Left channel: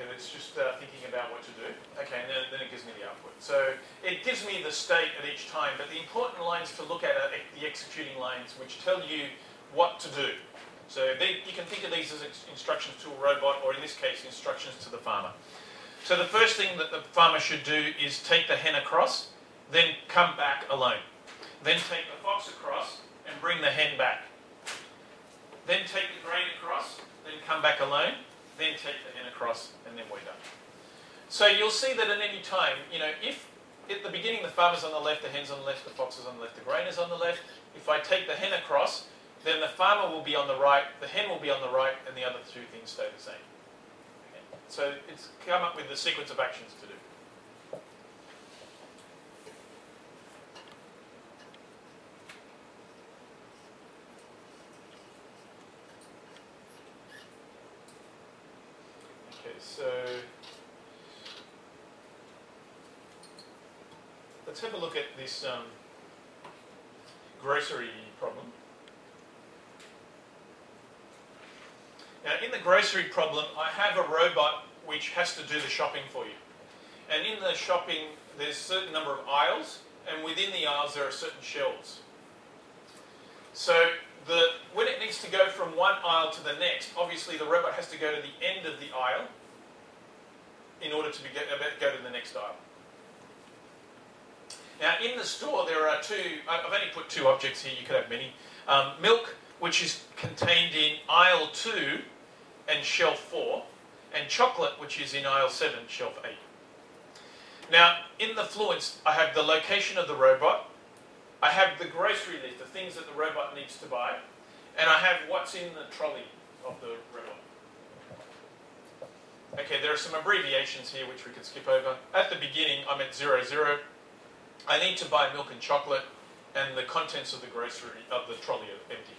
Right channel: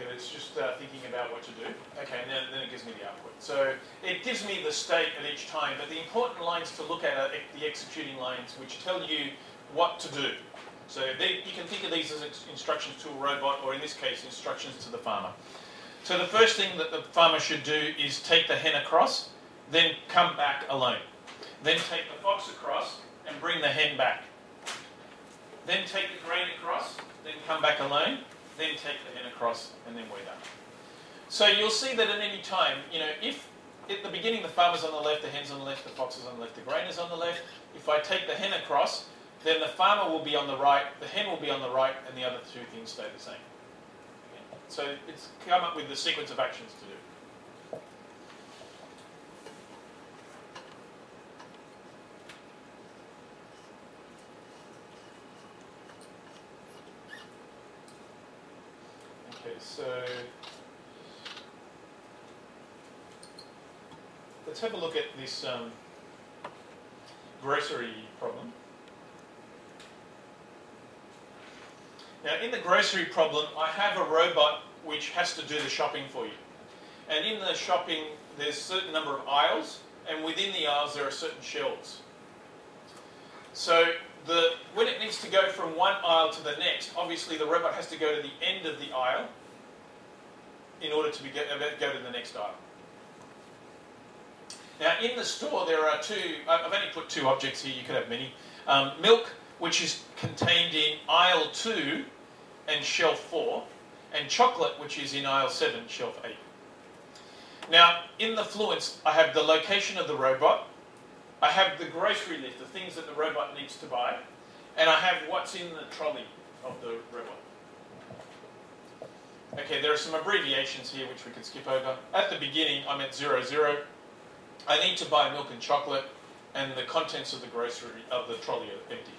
Okay, it's just thinking about what to do. Okay, and then it gives me the output. So it gives me the state at each time, but the important lines to look at are the executing lines, which tell you what to do. So you can think of these as instructions to a robot, or in this case, instructions to the farmer. So the first thing that the farmer should do is take the hen across, then come back alone. Then take the fox across and bring the hen back. Then take the grain across, then come back alone, then take the hen across, and then we're done. So you'll see that at any time, if at the beginning the farmer's on the left, the hen's on the left, the fox is on the left, the grain is on the left, if I take the hen across, then the farmer will be on the right, the hen will be on the right, and the other two things stay the same. Okay. So it's come up with the sequence of actions to do. Okay, so let's have a look at this grocery problem. Now, in the grocery problem, I have a robot which has to do the shopping for you. And in the shopping, there's a certain number of aisles, and within the aisles there are certain shelves. So when it needs to go from one aisle to the next, obviously the robot has to go to the end of the aisle in order to go to the next aisle. Now, in the store, there are I've only put two objects here, you could have many. Milk, which is contained in aisle 2 and shelf 4, and chocolate, which is in aisle 7, shelf 8. Now, in the Fluence, I have the location of the robot, I have the grocery list, the things that the robot needs to buy, and I have what's in the trolley of the robot. Okay, there are some abbreviations here which we could skip over. At the beginning, I'm at 00. I need to buy milk and chocolate, and the contents of the trolley are empty.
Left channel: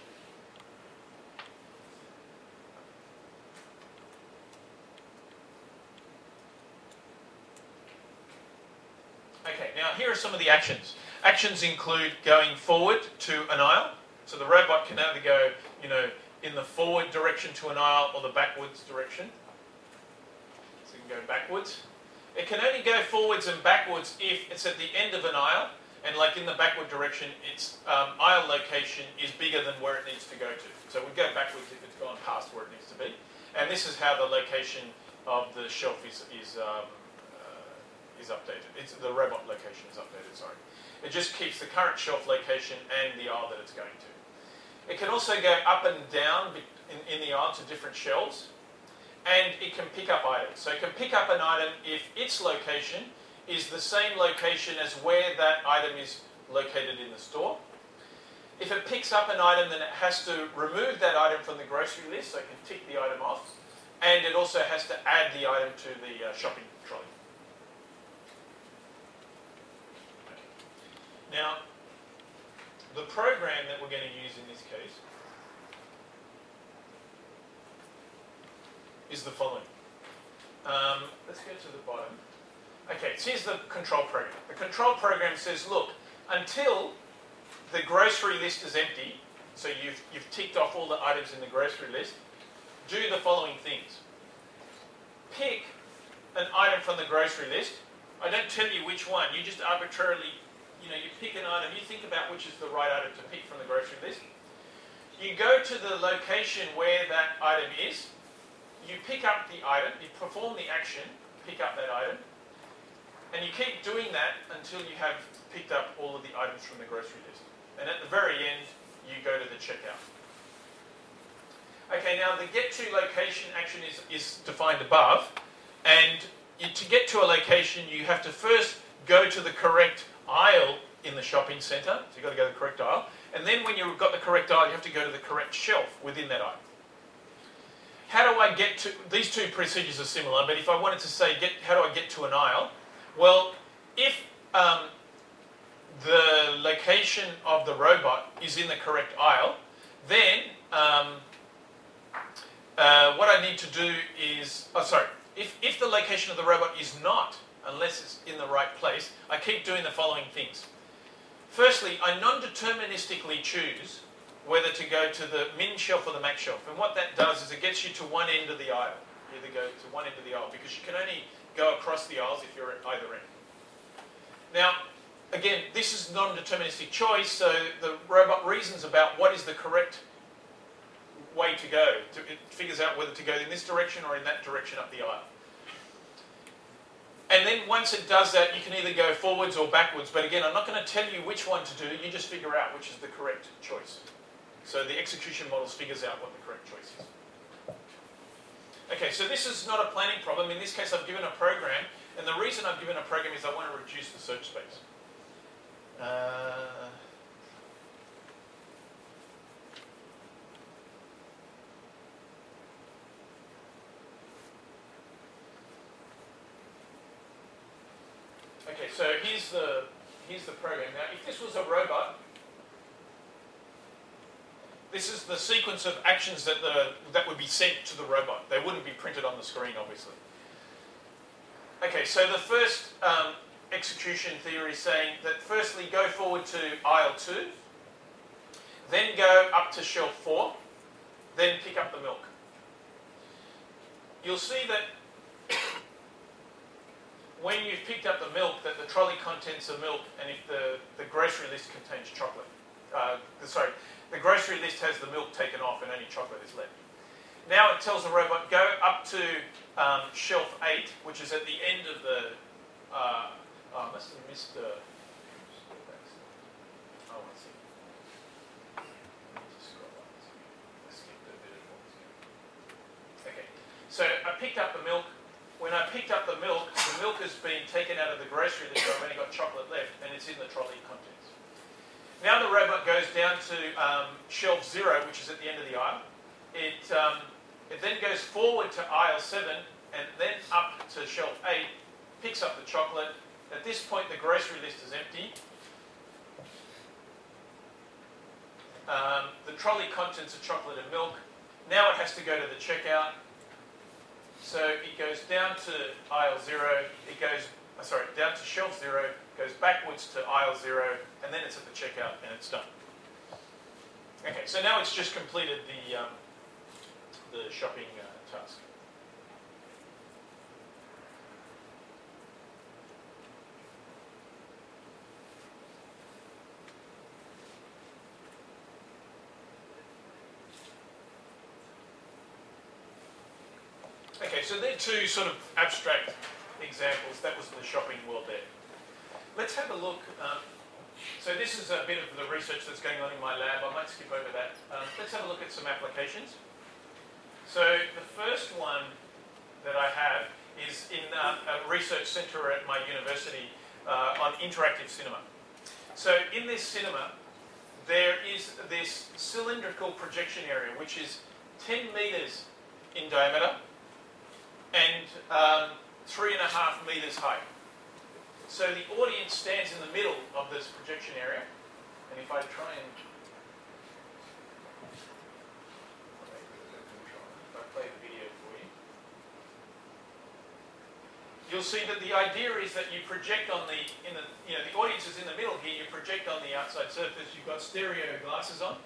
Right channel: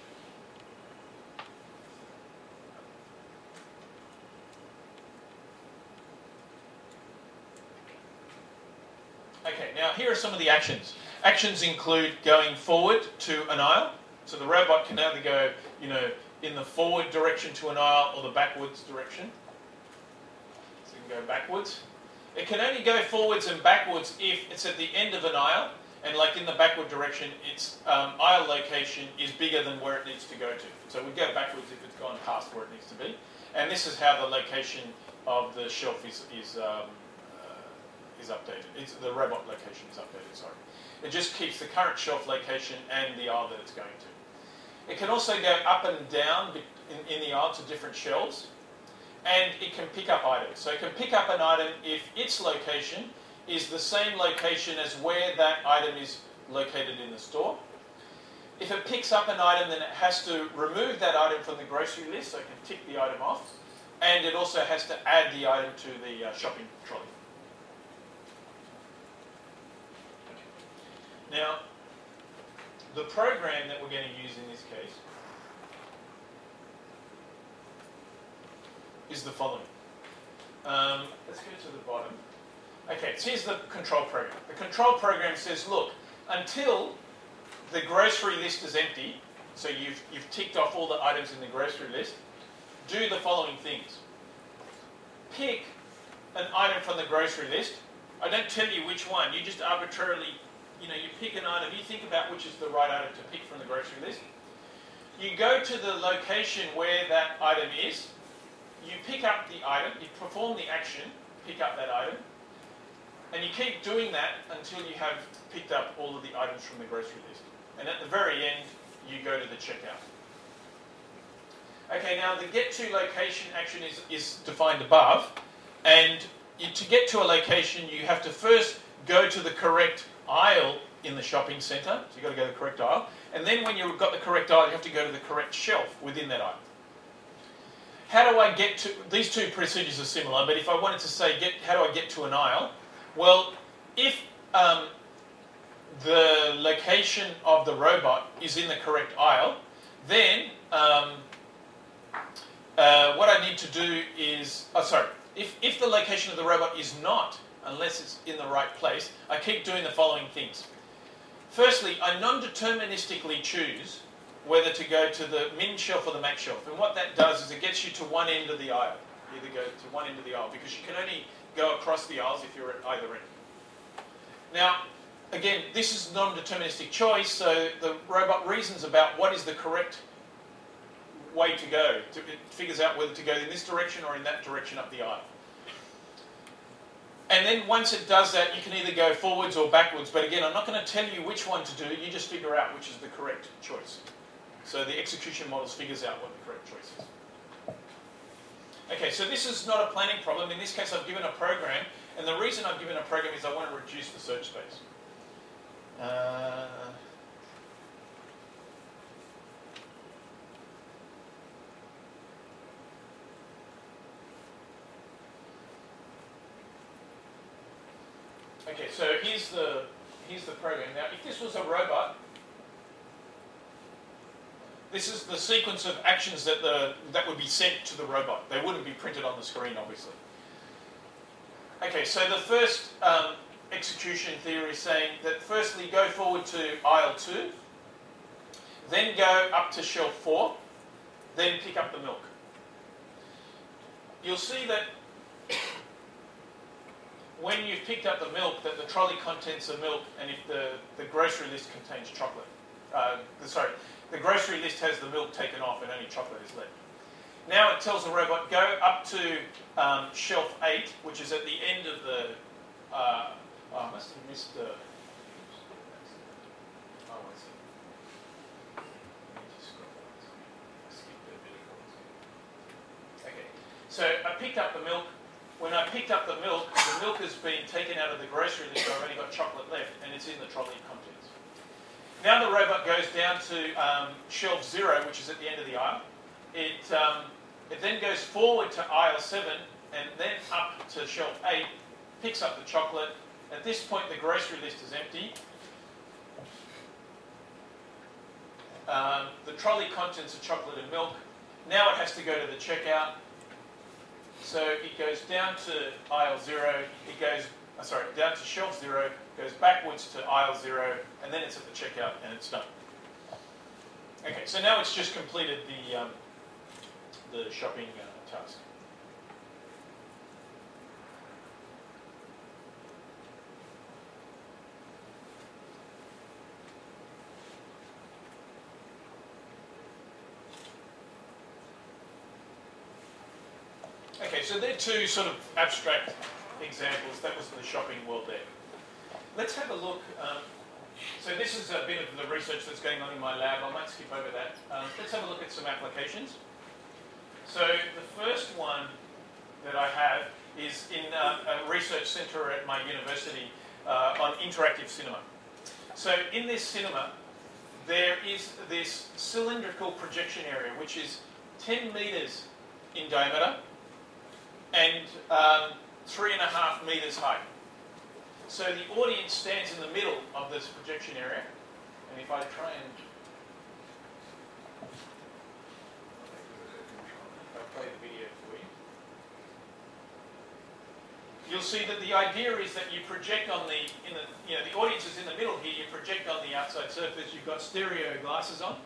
Okay, now here are some of the actions. Actions include going forward to an aisle. So the robot can either go, in the forward direction to an aisle or the backwards direction. So you can go backwards. It can only go forwards and backwards if it's at the end of an aisle, and like in the backward direction, its aisle location is bigger than where it needs to go to. So we go backwards if it's gone past where it needs to be. And this is how the location of the shelf is updated. The robot location is updated, sorry. It just keeps the current shelf location and the aisle that it's going to. It can also go up and down in the aisle to different shelves, and it can pick up items. So it can pick up an item if its location is the same location as where that item is located in the store. If it picks up an item, then it has to remove that item from the grocery list, so it can tick the item off, and it also has to add the item to the shopping trolley. Now, the program that we're going to use in this case is the following. Let's go to the bottom. Okay, so here's the control program. The control program says, look, until the grocery list is empty, so you've ticked off all the items in the grocery list, do the following things. Pick an item from the grocery list. I don't tell you which one. You just arbitrarily, you pick an item. You think about which is the right item to pick from the grocery list. You go to the location where that item is. You pick up the item. You perform the action, pick up that item. And you keep doing that until you have picked up all of the items from the grocery list. And at the very end, you go to the checkout. Okay, now the get to location action is defined above. And to get to a location, you have to first go to the correct aisle in the shopping centre. So you've got to go to the correct aisle. And then when you've got the correct aisle, you have to go to the correct shelf within that aisle. How do I get to... These two procedures are similar, but if I wanted to say, how do I get to an aisle? Well, if the location of the robot is in the correct aisle, then what I need to do is... If the location of the robot is not, unless it's in the right place, I keep doing the following things. Firstly, I non-deterministically choose whether to go to the min shelf or the max shelf. And what that does is it gets you to one end of the aisle. either go to one end of the aisle, because you can only go across the aisles if you're at either end. Now, again, this is non-deterministic choice, so the robot reasons about what is the correct way to go. It figures out whether to go in this direction or in that direction up the aisle. And then once it does that, you can either go forwards or backwards. But again, I'm not going to tell you which one to do. You just figure out which is the correct choice. So the execution models figures out what the correct choice is. Okay, so this is not a planning problem. In this case, I've given a program. And the reason I've given a program is I want to reduce the search space. Okay, so here's the program. Now, if this was a robot, this is the sequence of actions that would be sent to the robot. They wouldn't be printed on the screen, obviously. Okay, so the first execution theory is saying that firstly go forward to aisle 2, then go up to shelf 4, then pick up the milk. You'll see that when you've picked up the milk, that the trolley contents are milk, and if the grocery list contains chocolate. The grocery list has the milk taken off and only chocolate is left. Now it tells the robot, go up to shelf 8, which is at the end of the... I must have missed the... Oh, I see. I skipped a bit of... Okay, so I picked up the milk. When I picked up the milk has been taken out of the grocery list, so I've only got chocolate left, and it's in the trolley contents. Now the robot goes down to shelf 0, which is at the end of the aisle. It then goes forward to aisle 7, and then up to shelf 8, picks up the chocolate. At this point, the grocery list is empty. The trolley contents are chocolate and milk. Now it has to go to the checkout. So it goes down to aisle 0, down to shelf 0, goes backwards to aisle 0, and then it's at the checkout and it's done. Okay, so now it's just completed the shopping task. Okay, so they're two sort of abstract examples. That was the shopping world there. Let's have a look. So this is a bit of the research that's going on in my lab. I might skip over that. Let's have a look at some applications. So the first one that I have is in a research centre at my university on interactive cinema. So in this cinema, there is this cylindrical projection area, which is 10 metres in diameter and 3.5 metres high. So the audience stands in the middle of this projection area, and if I try and play the video for you, you'll see that the idea is that you project on the audience is in the middle here. You project on the outside surface. You've got stereo glasses on,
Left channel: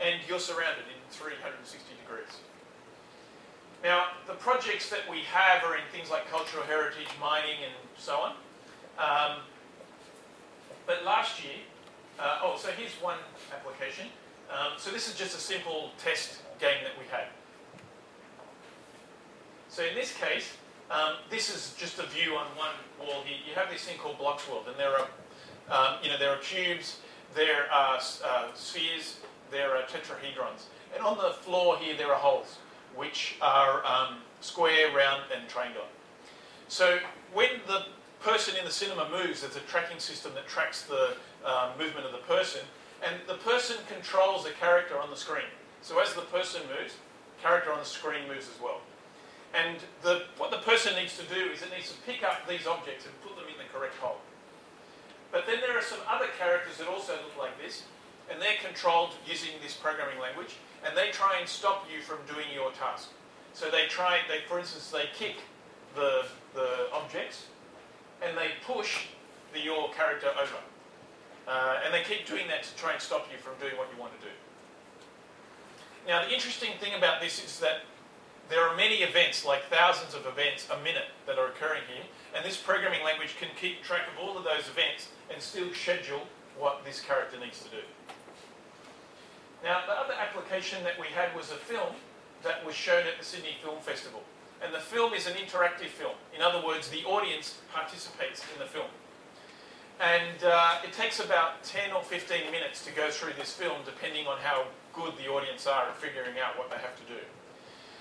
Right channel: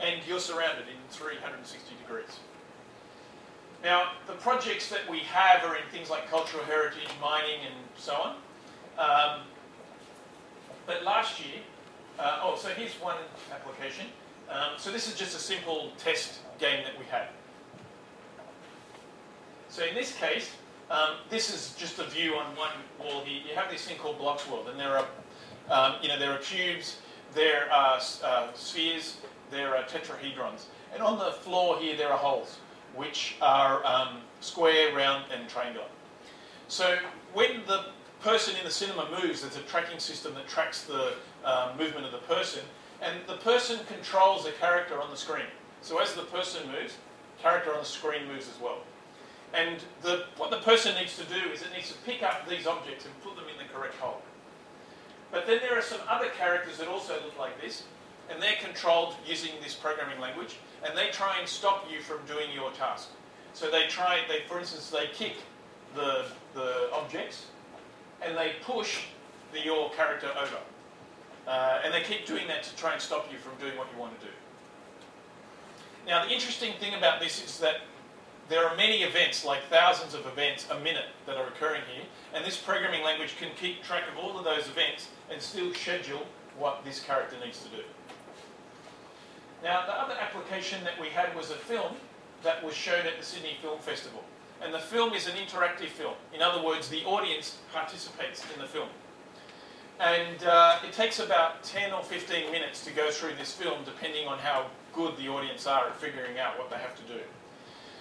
and you're surrounded in 360 degrees. Now, the projects that we have are in things like cultural heritage, mining, and so on. But last year, so here's one application. So this is just a simple test game that we had. So in this case, this is just a view on one wall here. You have this thing called Blocks World, and there are cubes, there are spheres, there are tetrahedrons, and on the floor here there are holes, which are square, round, and triangular. So when the person in the cinema moves, there's a tracking system that tracks the movement of the person, and the person controls the character on the screen. So as the person moves, the character on the screen moves as well. And what the person needs to do is it needs to pick up these objects and put them in the correct hole. But then there are some other characters that also look like this, and they're controlled using this programming language, and they try and stop you from doing your task. So for instance, they kick the objects, and they push your character over. And they keep doing that to try and stop you from doing what you want to do. Now, the interesting thing about this is that there are many events, like thousands of events a minute that are occurring here, and this programming language can keep track of all of those events and still schedule what this character needs to do. Now, the other application that we had was a film that was shown at the Sydney Film Festival. And the film is an interactive film. In other words, the audience participates in the film. And it takes about 10 or 15 minutes to go through this film, depending on how good the audience are at figuring out what they have to do.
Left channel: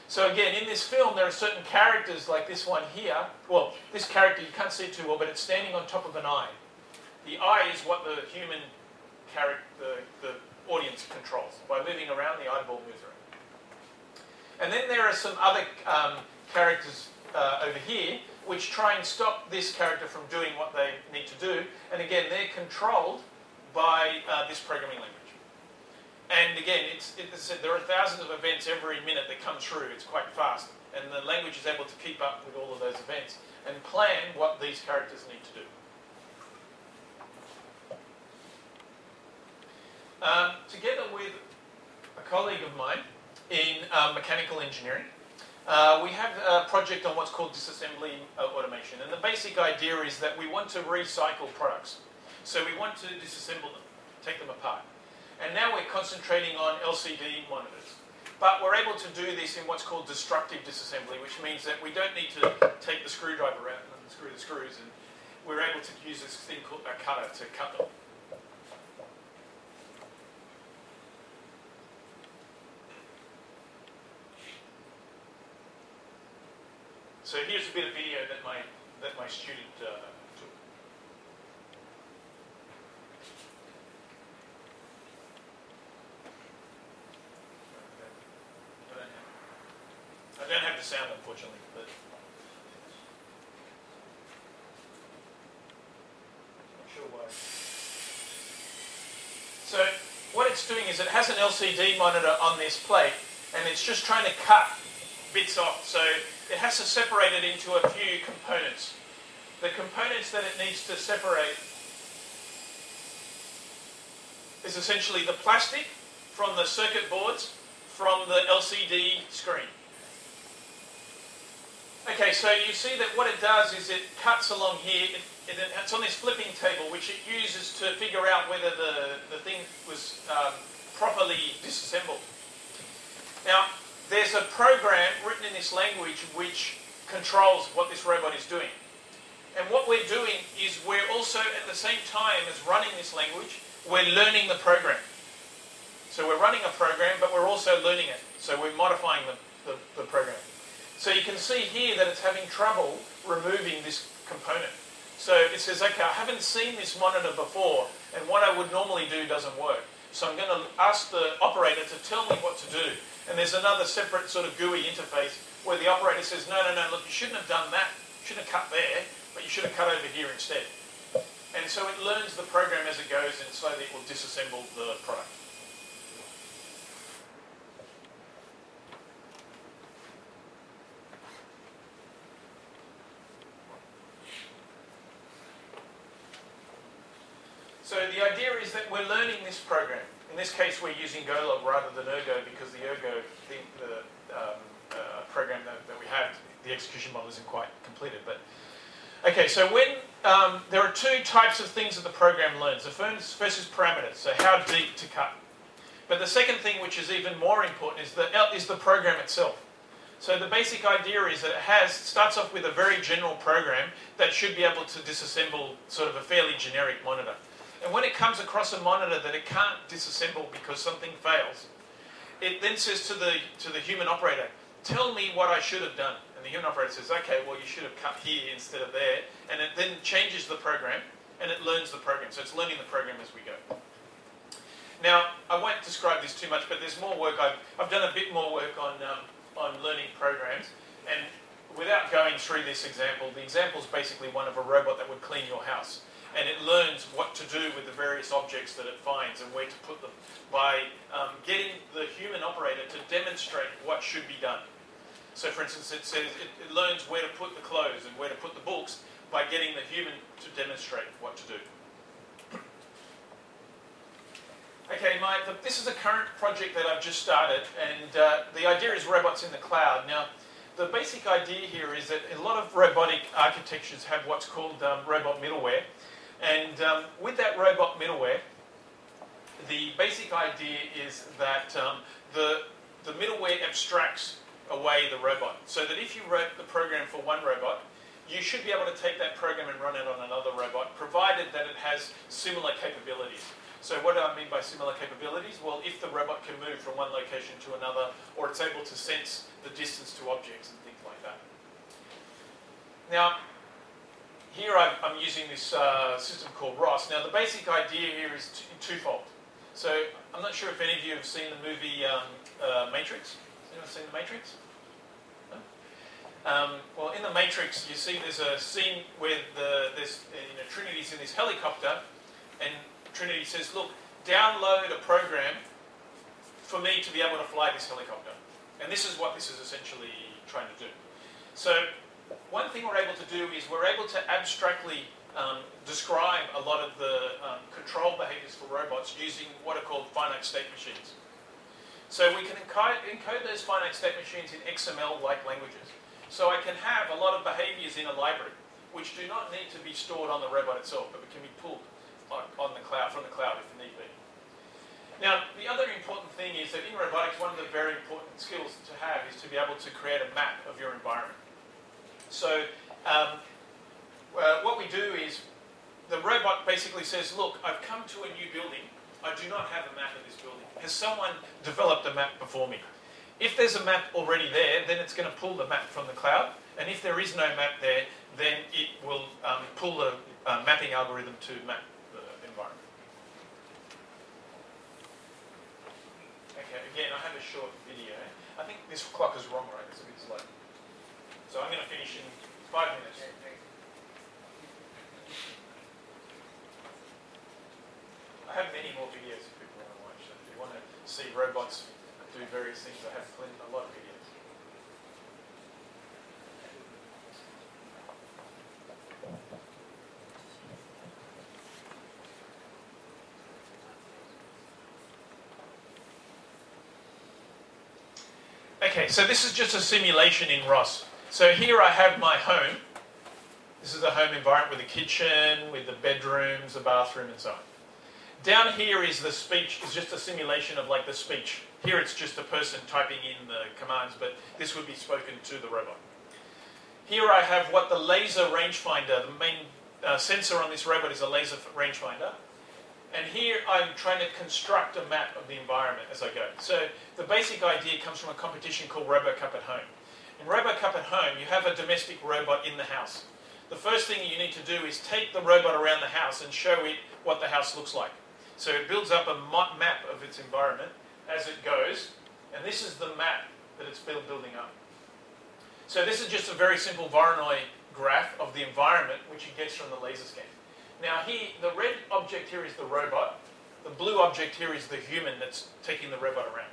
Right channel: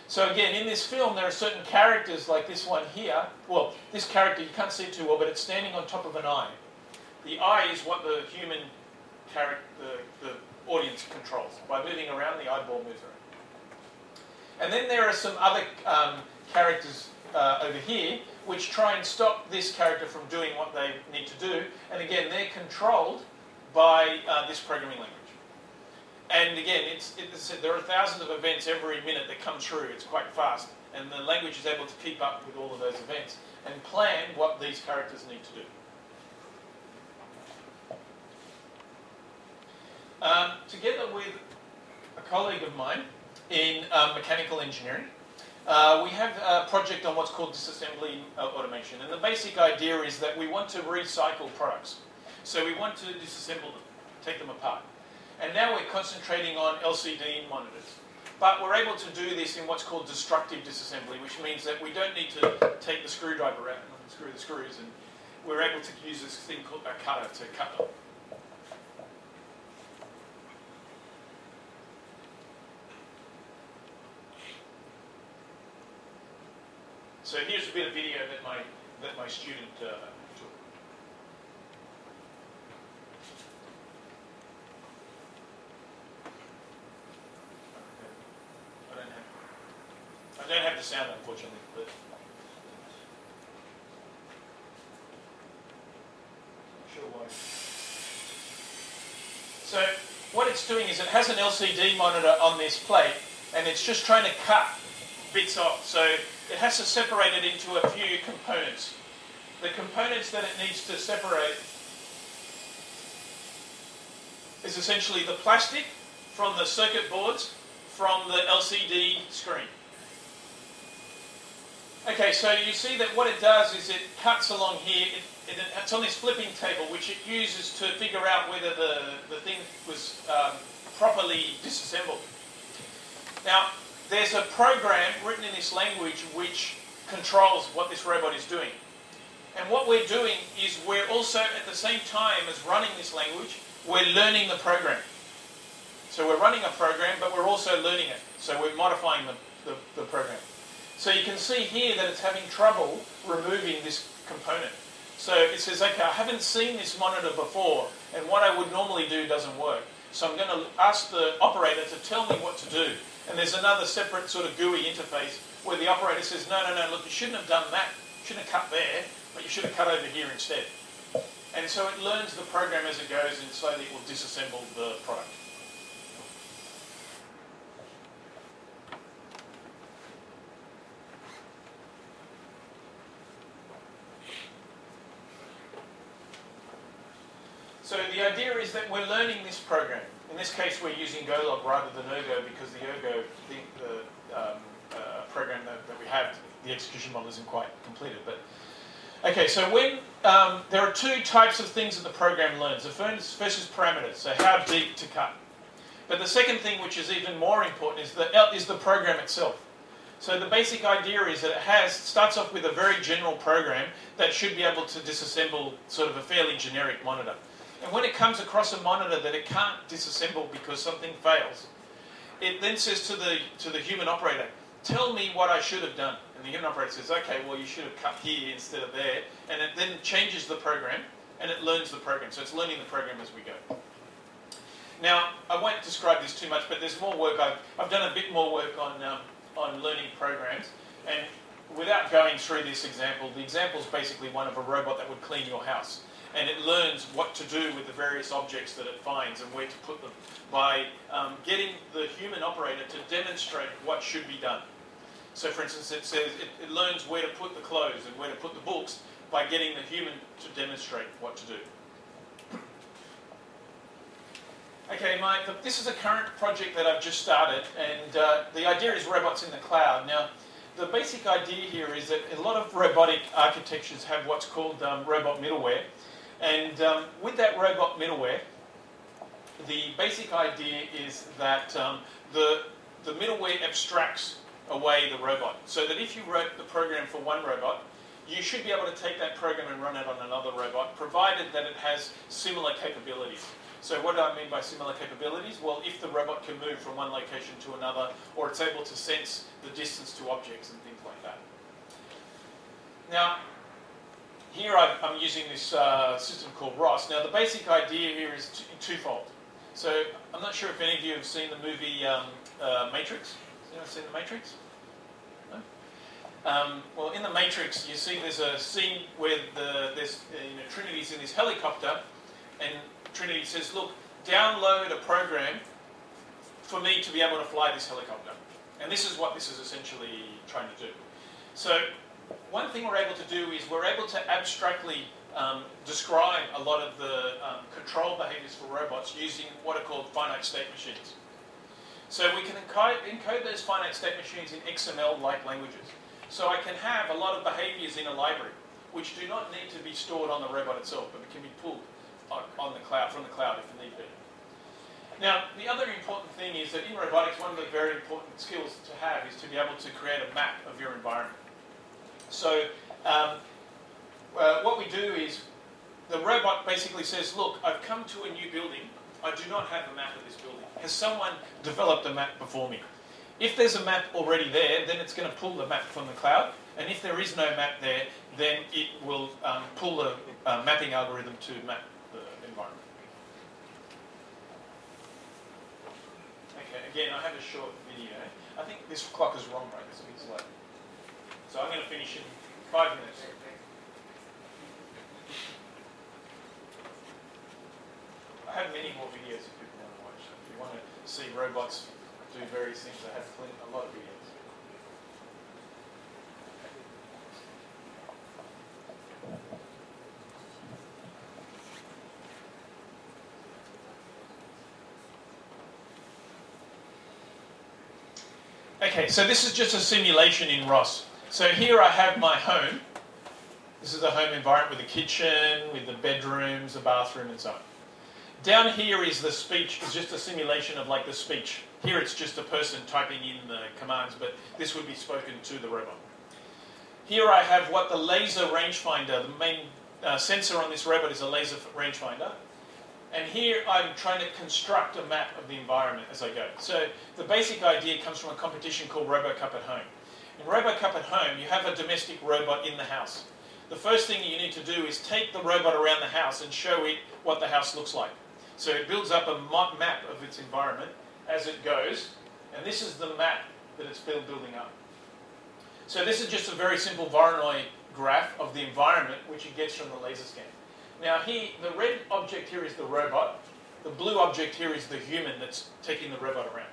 So again, in this film, there are certain characters like this one here. Well, this character, you can't see it too well, but it's standing on top of an eye. The eye is what the human character, the audience controls. By moving around, the eyeball moves around. And then there are some other characters over here which try and stop this character from doing what they need to do. And again, they're controlled by this programming language. And again, there are thousands of events every minute that come through. It's quite fast. And the language is able to keep up with all of those events and plan what these characters need to do. Together with a colleague of mine in mechanical engineering, we have a project on what's called disassembly automation. And the basic idea is that we want to recycle products. So we want to disassemble them, take them apart. And now we're concentrating on LCD monitors. But we're able to do this in what's called destructive disassembly, which means that we don't need to take the screwdriver out and unscrew the screws, and we're able to use this thing called a cutter to cut them. So here's a bit of video that my student took. I don't have the sound, unfortunately, but not sure why. So what it's doing is it has an LCD monitor on this plate, and it's just trying to cut bits off. So it has to separate it into a few components. The components that it needs to separate is essentially the plastic from the circuit boards from the LCD screen. Okay, so you see that what it does is it cuts along here. It's on this flipping table, which it uses to figure out whether the thing was properly disassembled. Now, there's a program written in this language which controls what this robot is doing. And what we're doing is we're also, at the same time as running this language, we're learning the program. So we're running a program, but we're also learning it. So we're modifying the program. So you can see here that it's having trouble removing this component. So it says, okay, I haven't seen this monitor before, and what I would normally do doesn't work. So I'm going to ask the operator to tell me what to do. And there's another separate sort of GUI interface where the operator says, no, look, you shouldn't have done that. You shouldn't have cut there, but you should have cut over here instead. And so it learns the program as it goes, and slowly it will disassemble the product. So the idea is that we're learning this program. In this case, we're using Golog rather than Ergo because the Ergo program that we have, the execution model isn't quite completed. But okay, so when there are two types of things that the program learns. The first is parameters, so how deep to cut. But the second thing, which is even more important, is the program itself. So the basic idea is that it starts off with a very general program that should be able to disassemble sort of a fairly generic monitor. And when it comes across a monitor that it can't disassemble because something fails, it then says to the human operator, tell me what I should have done. And the human operator says, okay, well, you should have cut here instead of there. And it then changes the program, and it learns the program. So it's learning the program as we go. Now, I won't describe this too much, but there's more work. I've done a bit more work on learning programs. And without going through this example, the example is basically one of a robot that would clean your house. And it learns what to do with the various objects that it finds and where to put them by getting the human operator to demonstrate what should be done. So, for instance, it says it learns where to put the clothes and where to put the books by getting the human to demonstrate what to do. Okay, Mike, this is a current project that I've just started, and the idea is robots in the cloud. Now, the basic idea here is that a lot of robotic architectures have what's called robot middleware, and with that robot middleware, the basic idea is that the middleware abstracts away the robot, so that if you wrote the program for one robot, you should be able to take that program and run it on another robot, provided that it has similar capabilities. So what do I mean by similar capabilities? Well, if the robot can move from one location to another, or it's able to sense the distance to objects and things like that. Now, here I'm using this system called ROS. Now, the basic idea here is twofold. So I'm not sure if any of you have seen the movie Matrix. Anyone seen the Matrix? No? Well, in the Matrix, you see there's a scene where Trinity's in this helicopter, and Trinity says, look, download a program for me to be able to fly this helicopter. And this is what this is essentially trying to do. So one thing we're able to do is we're able to abstractly describe a lot of the control behaviors for robots using what are called finite state machines. So we can encode those finite state machines in XML-like languages. So I can have a lot of behaviors in a library, which do not need to be stored on the robot itself, but it can be pulled on the cloud, from the cloud if need be. Now, the other important thing is that in robotics, one of the very important skills to have is to be able to create a map of your environment. So what we do is the robot basically says, look, I've come to a new building. I do not have a map of this building. Has someone developed a map before me? If there's a map already there, then it's going to pull the map from the cloud. And if there is no map there, then it will pull the mapping algorithm to map the environment. Okay, again, I have a short video. I think this clock is wrong, right? It's a bit slow. So I'm going to finish in 5 minutes. I have many more videos if people want to watch them. If you want to see robots do various things, I have a lot of videos. Okay, so this is just a simulation in ROS. So here I have my home. This is a home environment with a kitchen, with the bedrooms, the bathroom and so on. Down here is the speech, it's just a simulation of like the speech. Here it's just a person typing in the commands, but this would be spoken to the robot. Here I have what the laser rangefinder, the main sensor on this robot is a laser rangefinder. And here I'm trying to construct a map of the environment as I go. So the basic idea comes from a competition called RoboCup at Home. In RoboCup at Home, you have a domestic robot in the house. The first thing you need to do is take the robot around the house and show it what the house looks like. So it builds up a map of its environment as it goes, and this is the map that it's building up. So this is just a very simple Voronoi graph of the environment which it gets from the laser scan. Now here, the red object here is the robot, the blue object here is the human that's taking the robot around.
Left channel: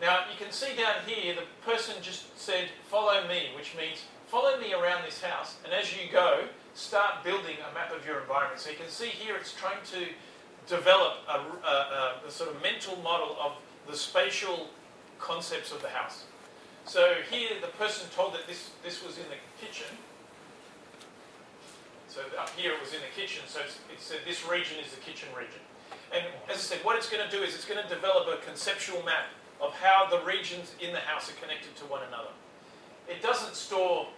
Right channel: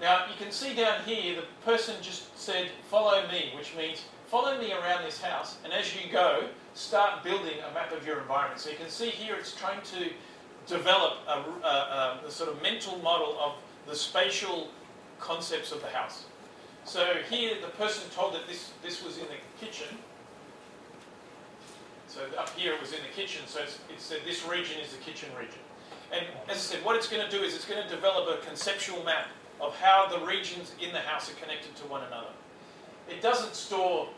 Now you can see down here, the person just said, follow me, which means follow me around this house, and as you go, start building a map of your environment. So you can see here it's trying to develop a sort of mental model of the spatial concepts of the house. So here the person told that this was in the kitchen. So up here it was in the kitchen, so it said this region is the kitchen region. And as I said, what it's going to do is it's going to develop a conceptual map of how the regions in the house are connected to one another. It doesn't store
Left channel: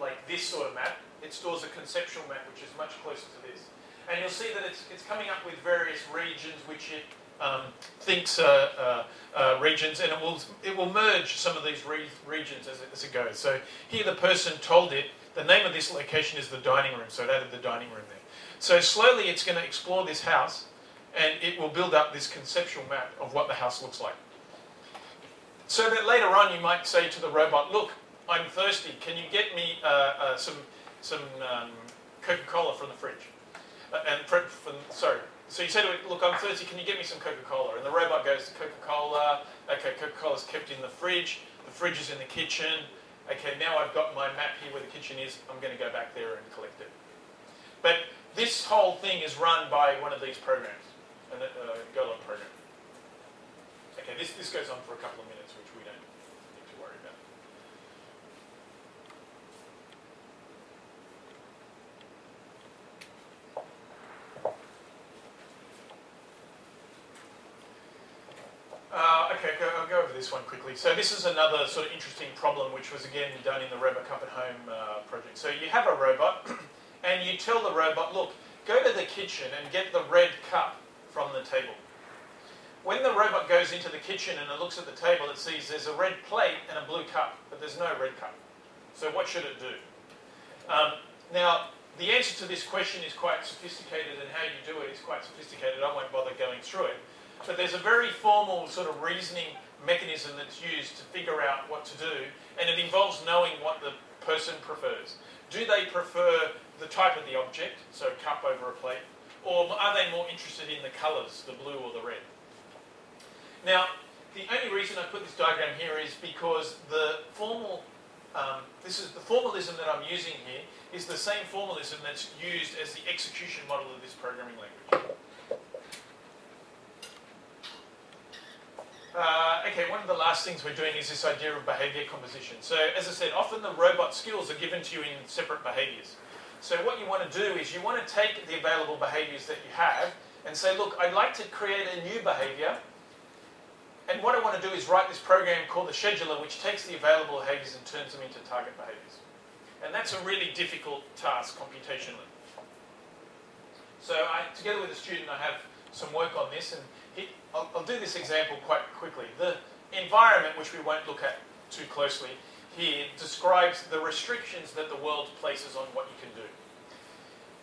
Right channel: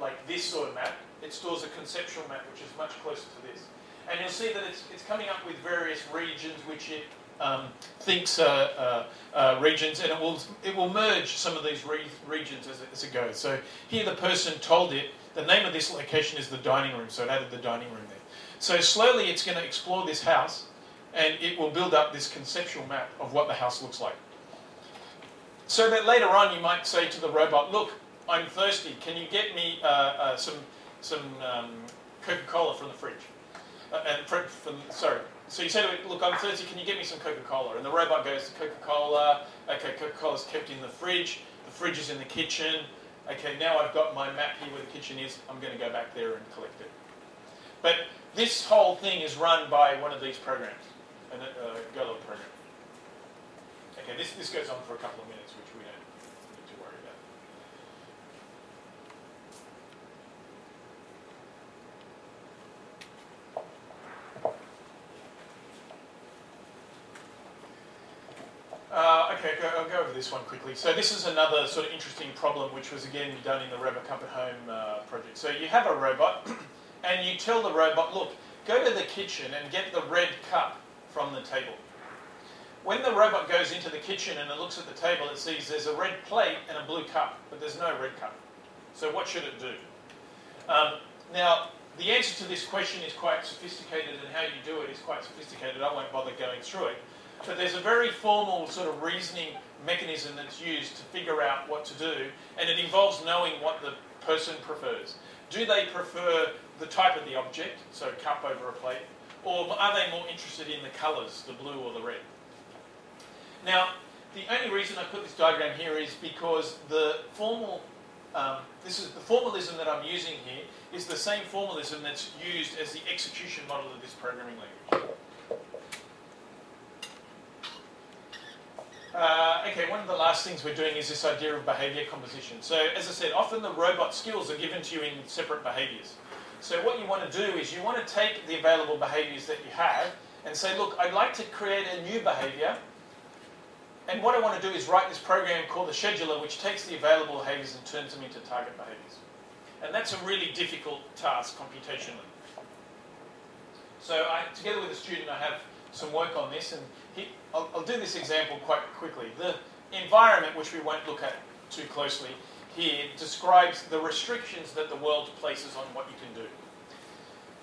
like this sort of map. It stores a conceptual map which is much closer to this. And you'll see that it's coming up with various regions which it thinks are regions, and it will merge some of these regions as it goes. So here the person told it, the name of this location is the dining room, so it added the dining room there. So slowly it's going to explore this house, and it will build up this conceptual map of what the house looks like. So that later on you might say to the robot, look, I'm thirsty, can you get me some Coca-Cola from the fridge? So you say to it, look, I'm thirsty, can you get me some Coca-Cola? And the robot goes, Coca-Cola, okay, Coca-Cola's kept in the fridge is in the kitchen, okay, now I've got my map here where the kitchen is, I'm going to go back there and collect it. But this whole thing is run by one of these programs. Go log program. Okay, this goes on for a couple of minutes, which we don't need to worry about. Okay, I'll go over this one quickly. So this is another sort of interesting problem, which was again done in the Robot Cup at Home project. So you have a robot, and you tell the robot, look, go to the kitchen and get the red cup from the table. When the robot goes into the kitchen and it looks at the table, it sees there's a red plate and a blue cup, but there's no red cup. So what should it do? Now, the answer to this question is quite sophisticated, and how you do it is quite sophisticated. I won't bother going through it. But there's a very formal sort of reasoning mechanism that's used to figure out what to do, and it involves knowing what the person prefers. Do they prefer the type of the object, so cup over a plate, or are they more interested in the colours, the blue or the red? Now, the only reason I put this diagram here is because the formalism that I'm using here is the same formalism that's used as the execution model of this programming language. Okay, one of the last things we're doing is this idea of behaviour composition. So, as I said, often the robot skills are given to you in separate behaviours. So what you want to do is you want to take the available behaviours that you have and say, look, I'd like to create a new behaviour, and what I want to do is write this program called the scheduler, which takes the available behaviours and turns them into target behaviours. And that's a really difficult task computationally. So together with a student, I have some work on this, and I'll do this example quite quickly. The environment, which we won't look at too closely here, describes the restrictions that the world places on what you can do.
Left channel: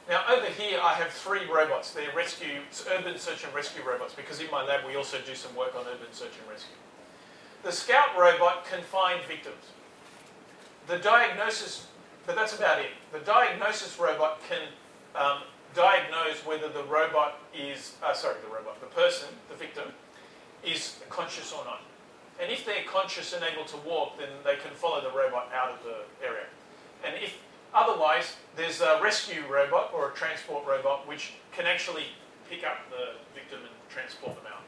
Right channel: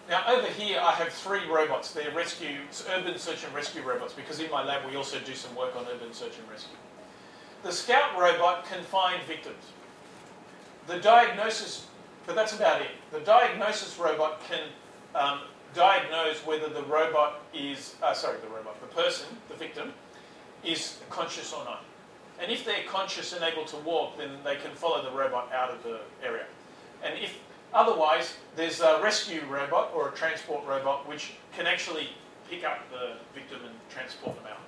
Now, over here, I have 3 robots. They're urban search and rescue robots, because in my lab we also do some work on urban search and rescue. The Scout robot can find victims. The diagnosis, but that's about it. The diagnosis robot can diagnose whether the person, the victim, is conscious or not. And if they're conscious and able to walk, then they can follow the robot out of the area. And if otherwise, there's a rescue robot or a transport robot which can actually pick up the victim and transport them out.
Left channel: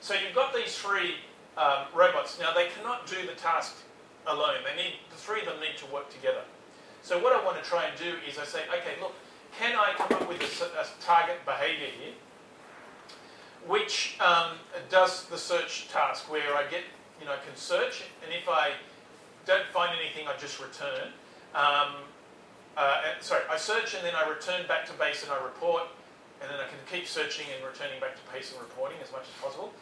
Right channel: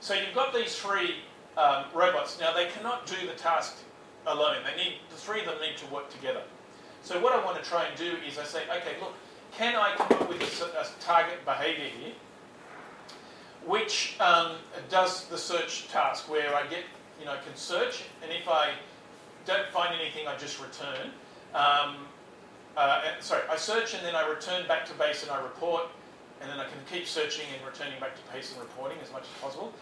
So you've got these 3 robots. Now, they cannot do the task alone. The 3 of them need to work together. So what I want to try and do is I say, okay, look, can I come up with a target behaviour here which does the search task, where I can search, and if I don't find anything, I just return. I search and then I return back to base and I report, and then I can keep searching and returning back to base and reporting as much as possible.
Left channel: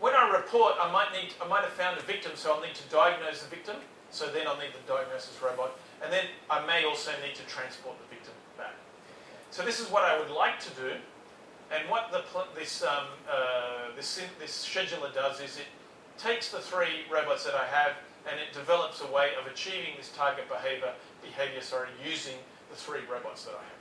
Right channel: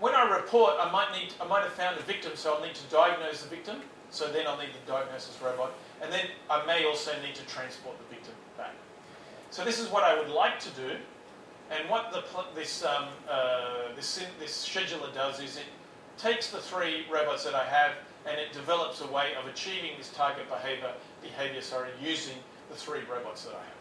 When I report, I might have found a victim, so I'll need to diagnose the victim. So then I'll need the diagnosis robot, and then I may also need to transport the victim back. So this is what I would like to do, and what this scheduler does is it takes the 3 robots that I have and it develops a way of achieving this target behaviour using the 3 robots that I have.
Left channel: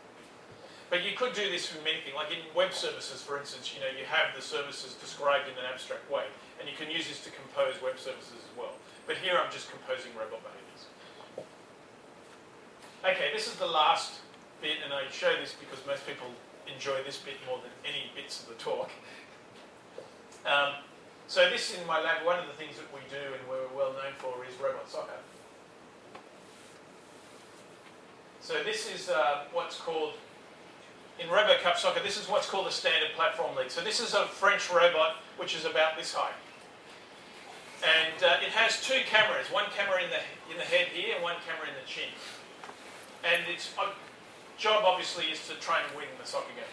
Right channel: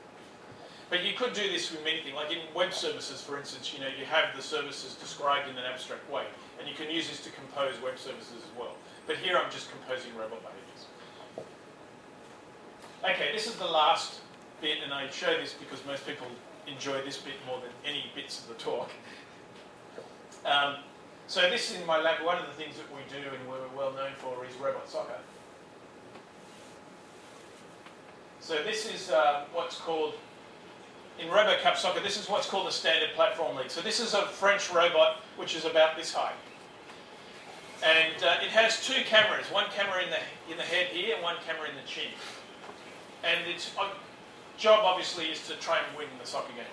But you could do this with many things, like in web services, for instance. You have the services described in an abstract way, and you can use this to compose web services as well. But here I'm just composing robot behaviours. Okay, this is the last bit, and I show this because most people enjoy this bit more than any bits of the talk. So this in my lab, one of the things that we do and we're well known for is robot soccer. So this is what's called, in Robot Cup Soccer, this is what's called a standard platform league. So this is a French robot which is about this high. And it has 2 cameras, one camera in the head here and one camera in the chin. And its job obviously is to try and win the soccer game.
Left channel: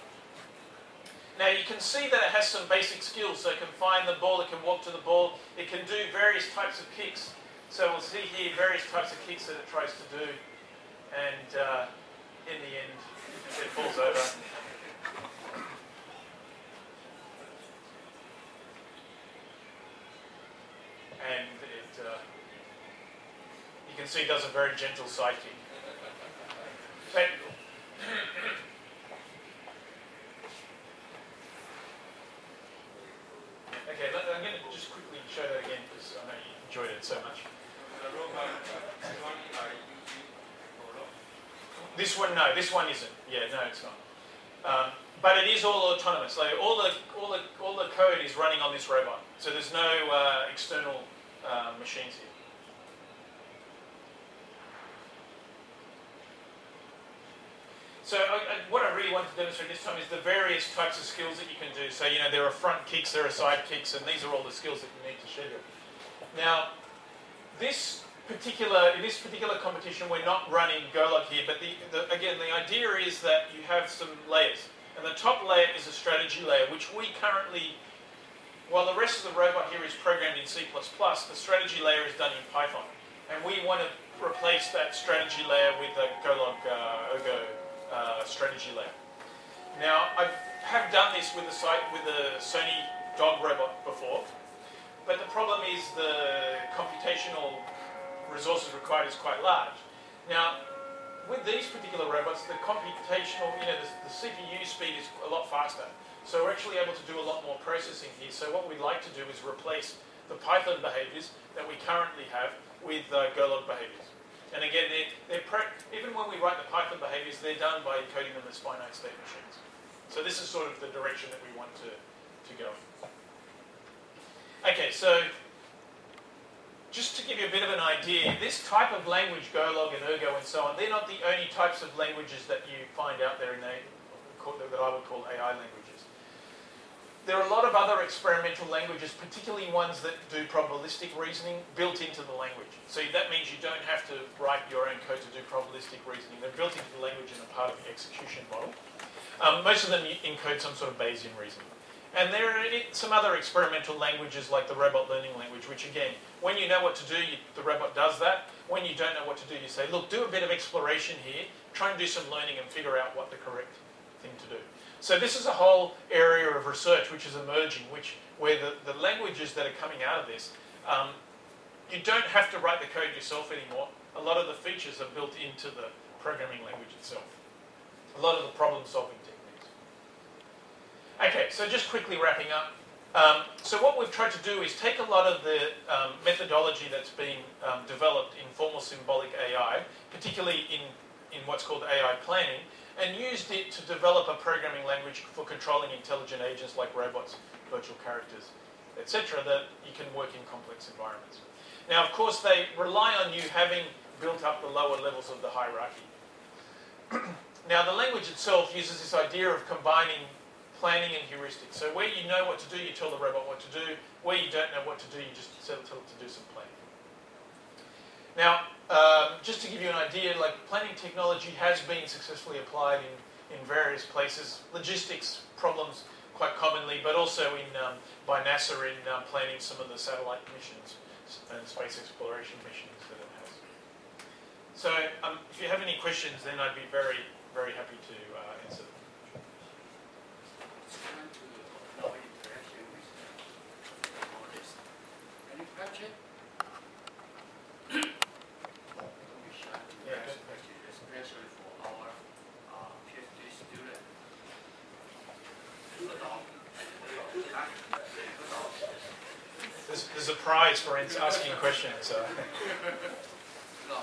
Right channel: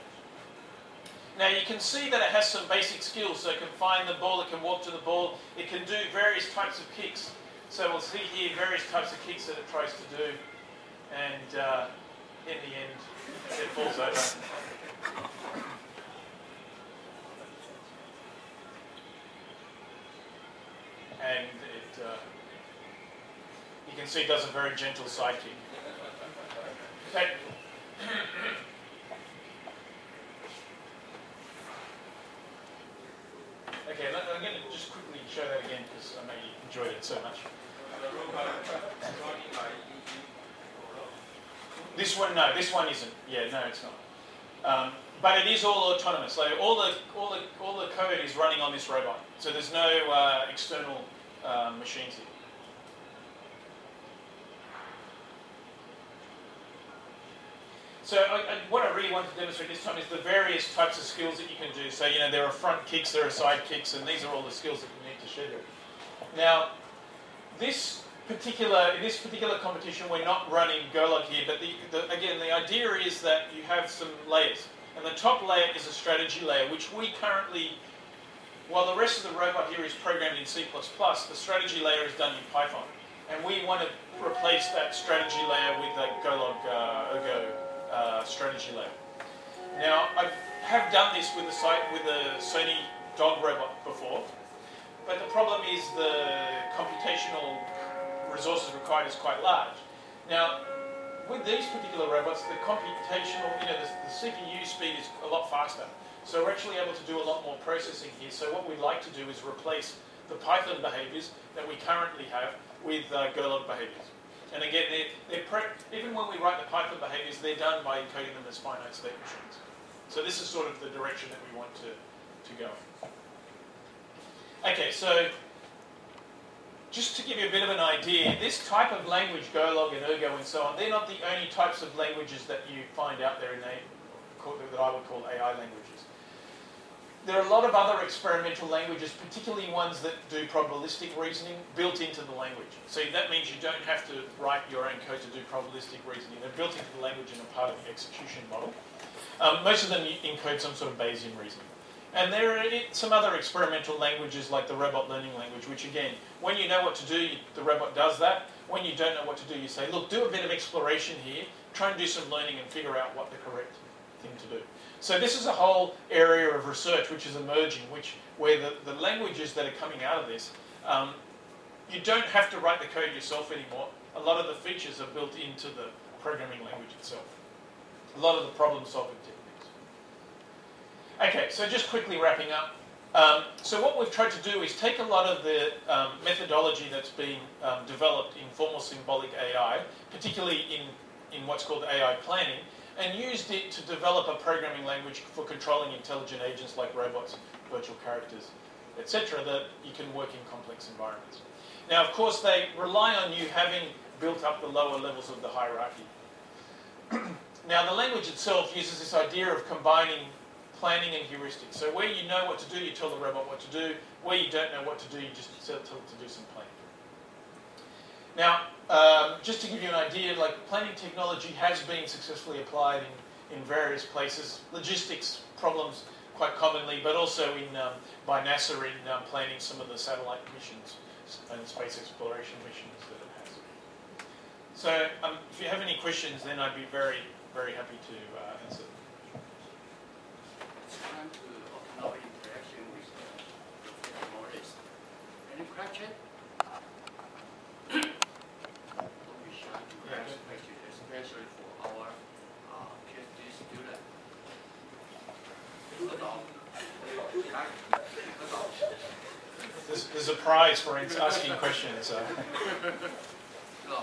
Now you can see that it has some basic skills, so it can find the ball, it can walk to the ball, it can do various types of kicks. So we'll see here various types of kicks that it tries to do, and in the end it falls over. And you can see it does a very gentle side kick. Okay. Okay, I'm going to just quickly show that again because I know you enjoyed it so much. This one, no, this one isn't. Yeah, no, it's not. But it is all autonomous. So all the code is running on this robot. So there's no external machines here. So what I really want to demonstrate this time is the various types of skills that you can do. So there are front kicks, there are side kicks, and these are all the skills that you need to schedule. Now, in this particular competition, we're not running Golog here, but again, the idea is that you have some layers. And the top layer is a strategy layer, which we currently, while the rest of the robot here is programmed in C++, the strategy layer is done in Python. And we want to replace that strategy layer with a Golog Ergo strategy layer. Now, I have done this with a Sony dog robot before, but the problem is the computational resources required is quite large. Now, with these particular robots, the computational, the CPU speed is a lot faster. So we're actually able to do a lot more processing here. So what we'd like to do is replace the Python behaviors that we currently have with Golog behaviors. And again, even when we write the Python behaviors, they're done by encoding them as finite state machines. So this is sort of the direction that we want to go. Okay, so just to give you a bit of an idea, this type of language, Golog and Ergo and so on, they're not the only types of languages that you find out there that I would call AI languages. There are a lot of other experimental languages, particularly ones that do probabilistic reasoning, built into the language. So that means you don't have to write your own code to do probabilistic reasoning. They're built into the language and are part of the execution model. Most of them encode some sort of Bayesian reasoning. And there are some other experimental languages like the robot learning language, which again, when you know what to do, the robot does that. When you don't know what to do, you say, look, do a bit of exploration here, try and do some learning and figure out what the correct thing to do. So this is a whole area of research which is emerging, where the languages that are coming out of this, you don't have to write the code yourself anymore. A lot of the features are built into the programming language itself. A lot of the problem-solving techniques. Okay, so just quickly wrapping up. So what we've tried to do is take a lot of the methodology that's been developed in formal symbolic AI, particularly in what's called AI planning, and used it to develop a programming language for controlling intelligent agents like robots, virtual characters, etc., that you can work in complex environments. Now, of course, they rely on you having built up the lower levels of the hierarchy. Now, the language itself uses this idea of combining planning and heuristics. So where you know what to do, you tell the robot what to do. Where you don't know what to do, you just tell it to do some planning. Now, just to give you an idea, like planning technology has been successfully applied in various places. Logistics problems quite commonly, but also by NASA in planning some of the satellite missions and space exploration missions that it has. So if you have any questions, then I'd be very, very happy to answer them. It's time to open our interaction with the models. Any question? We shall do next question, especially for our PhD student. There's a prize for asking questions. So. No.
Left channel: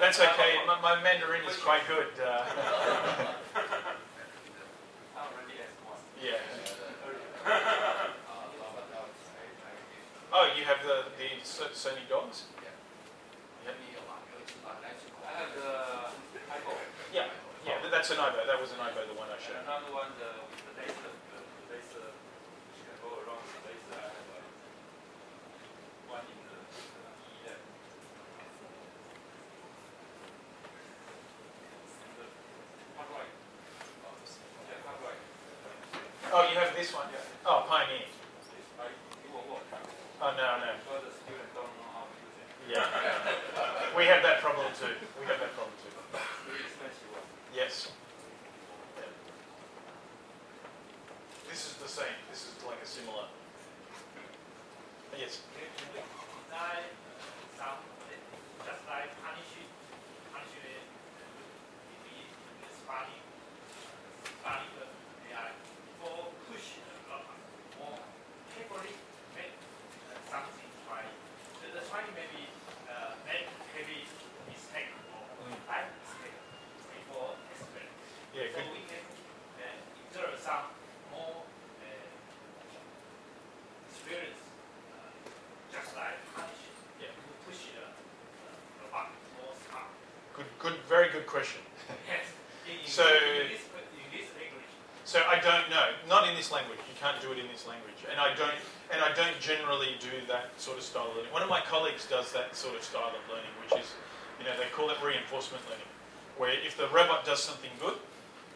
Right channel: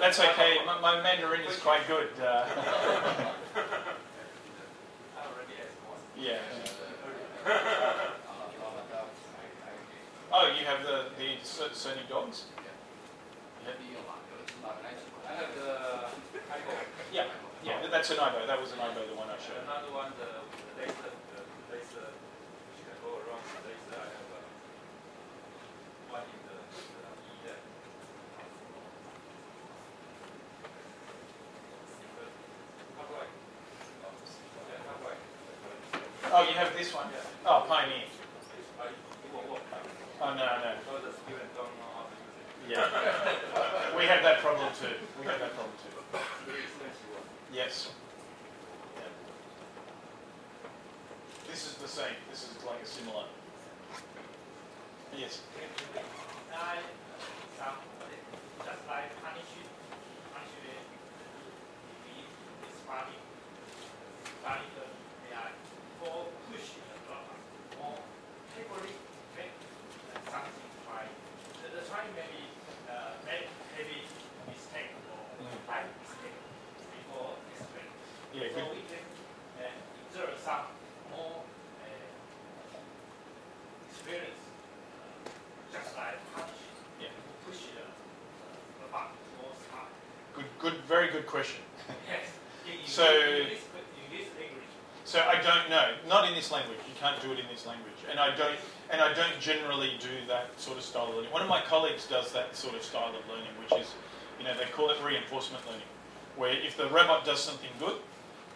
That's okay. My Mandarin is quite good. Yeah. Oh, you have the Sony dogs? I have the iPhone. Yeah, that's an iPhone. That was an iPhone, the one I showed. Another one, the laser, which can go around the laser. I have one in the EM. How do I? Yeah, how do I? Oh, you have this one? Yeah. Oh, Pioneer. It won't work. Oh, no. Because the student don't know how to use it. Yeah. We have that problem too. Very expensive one. Yes. Yeah. This is the same. This is like a similar. Yes. Can we design some, just like punishment if it's funny they are for push the robot or carefully make something try don't know. Not in this language. You can't do it in this language. And I don't generally do that sort of style of learning. One of my colleagues does that sort of style of learning, which is, they call it reinforcement learning, where if the robot does something good,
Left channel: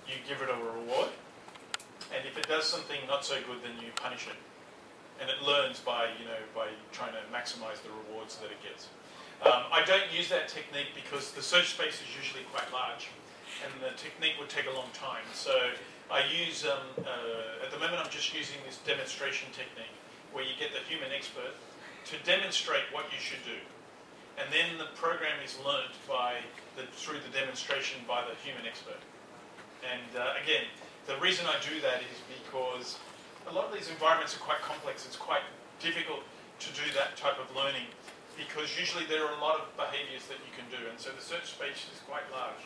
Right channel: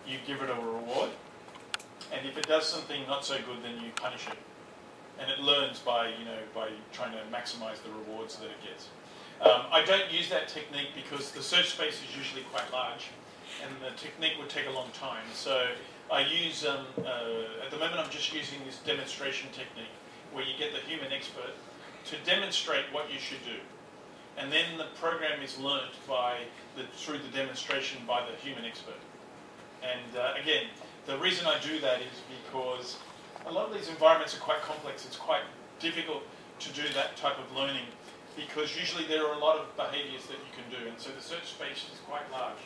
you give it a reward, and if it does something not so good, then you punish it. And it learns by trying to maximise the rewards that it gets. I don't use that technique because the search space is usually quite large, and the technique would take a long time. So I use, at the moment I'm just using this demonstration technique, where you get the human expert to demonstrate what you should do. And then the program is learnt through the demonstration by the human expert. And again, the reason I do that is because a lot of these environments are quite complex. It's quite difficult to do that type of learning because usually there are a lot of behaviours that you can do, and so the search space is quite large.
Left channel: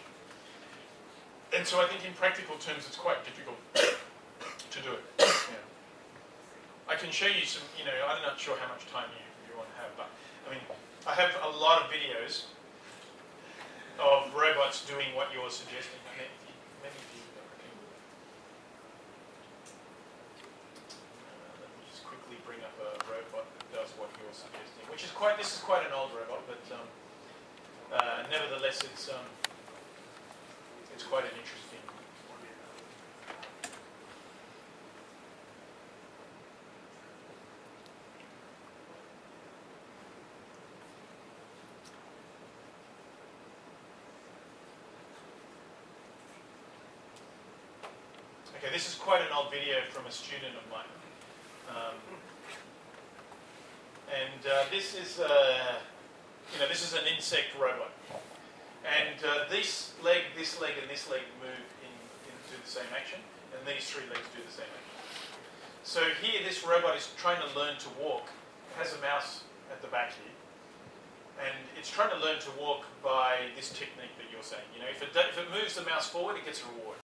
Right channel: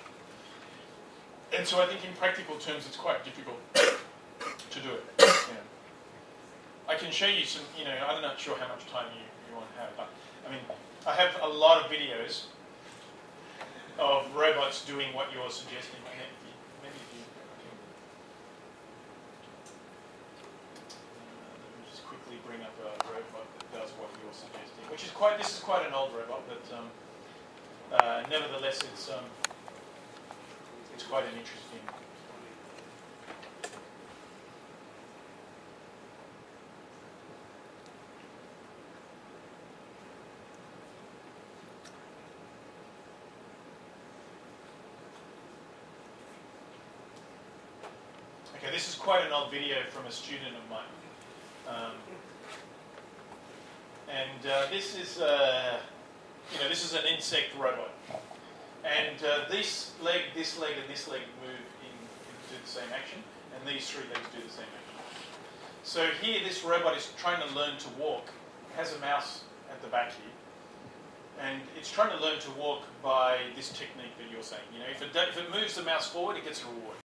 And so I think in practical terms it's quite difficult to do it. Yeah. I can show you some, I'm not sure how much time you want to have, but I have a lot of videos of robots doing what you're suggesting. Let me just quickly bring up a robot that does what you're suggesting, which is this is quite an old robot, but nevertheless it's quite an interesting. Okay, this is quite an old video from a student of mine. This is this is an insect robot. And this leg, and this leg move do the same action, and these three legs do the same action. So here, this robot is trying to learn to walk. It has a mouse at the back here, and it's trying to learn to walk by this technique that you're saying. If it moves the mouse forward, it gets a reward.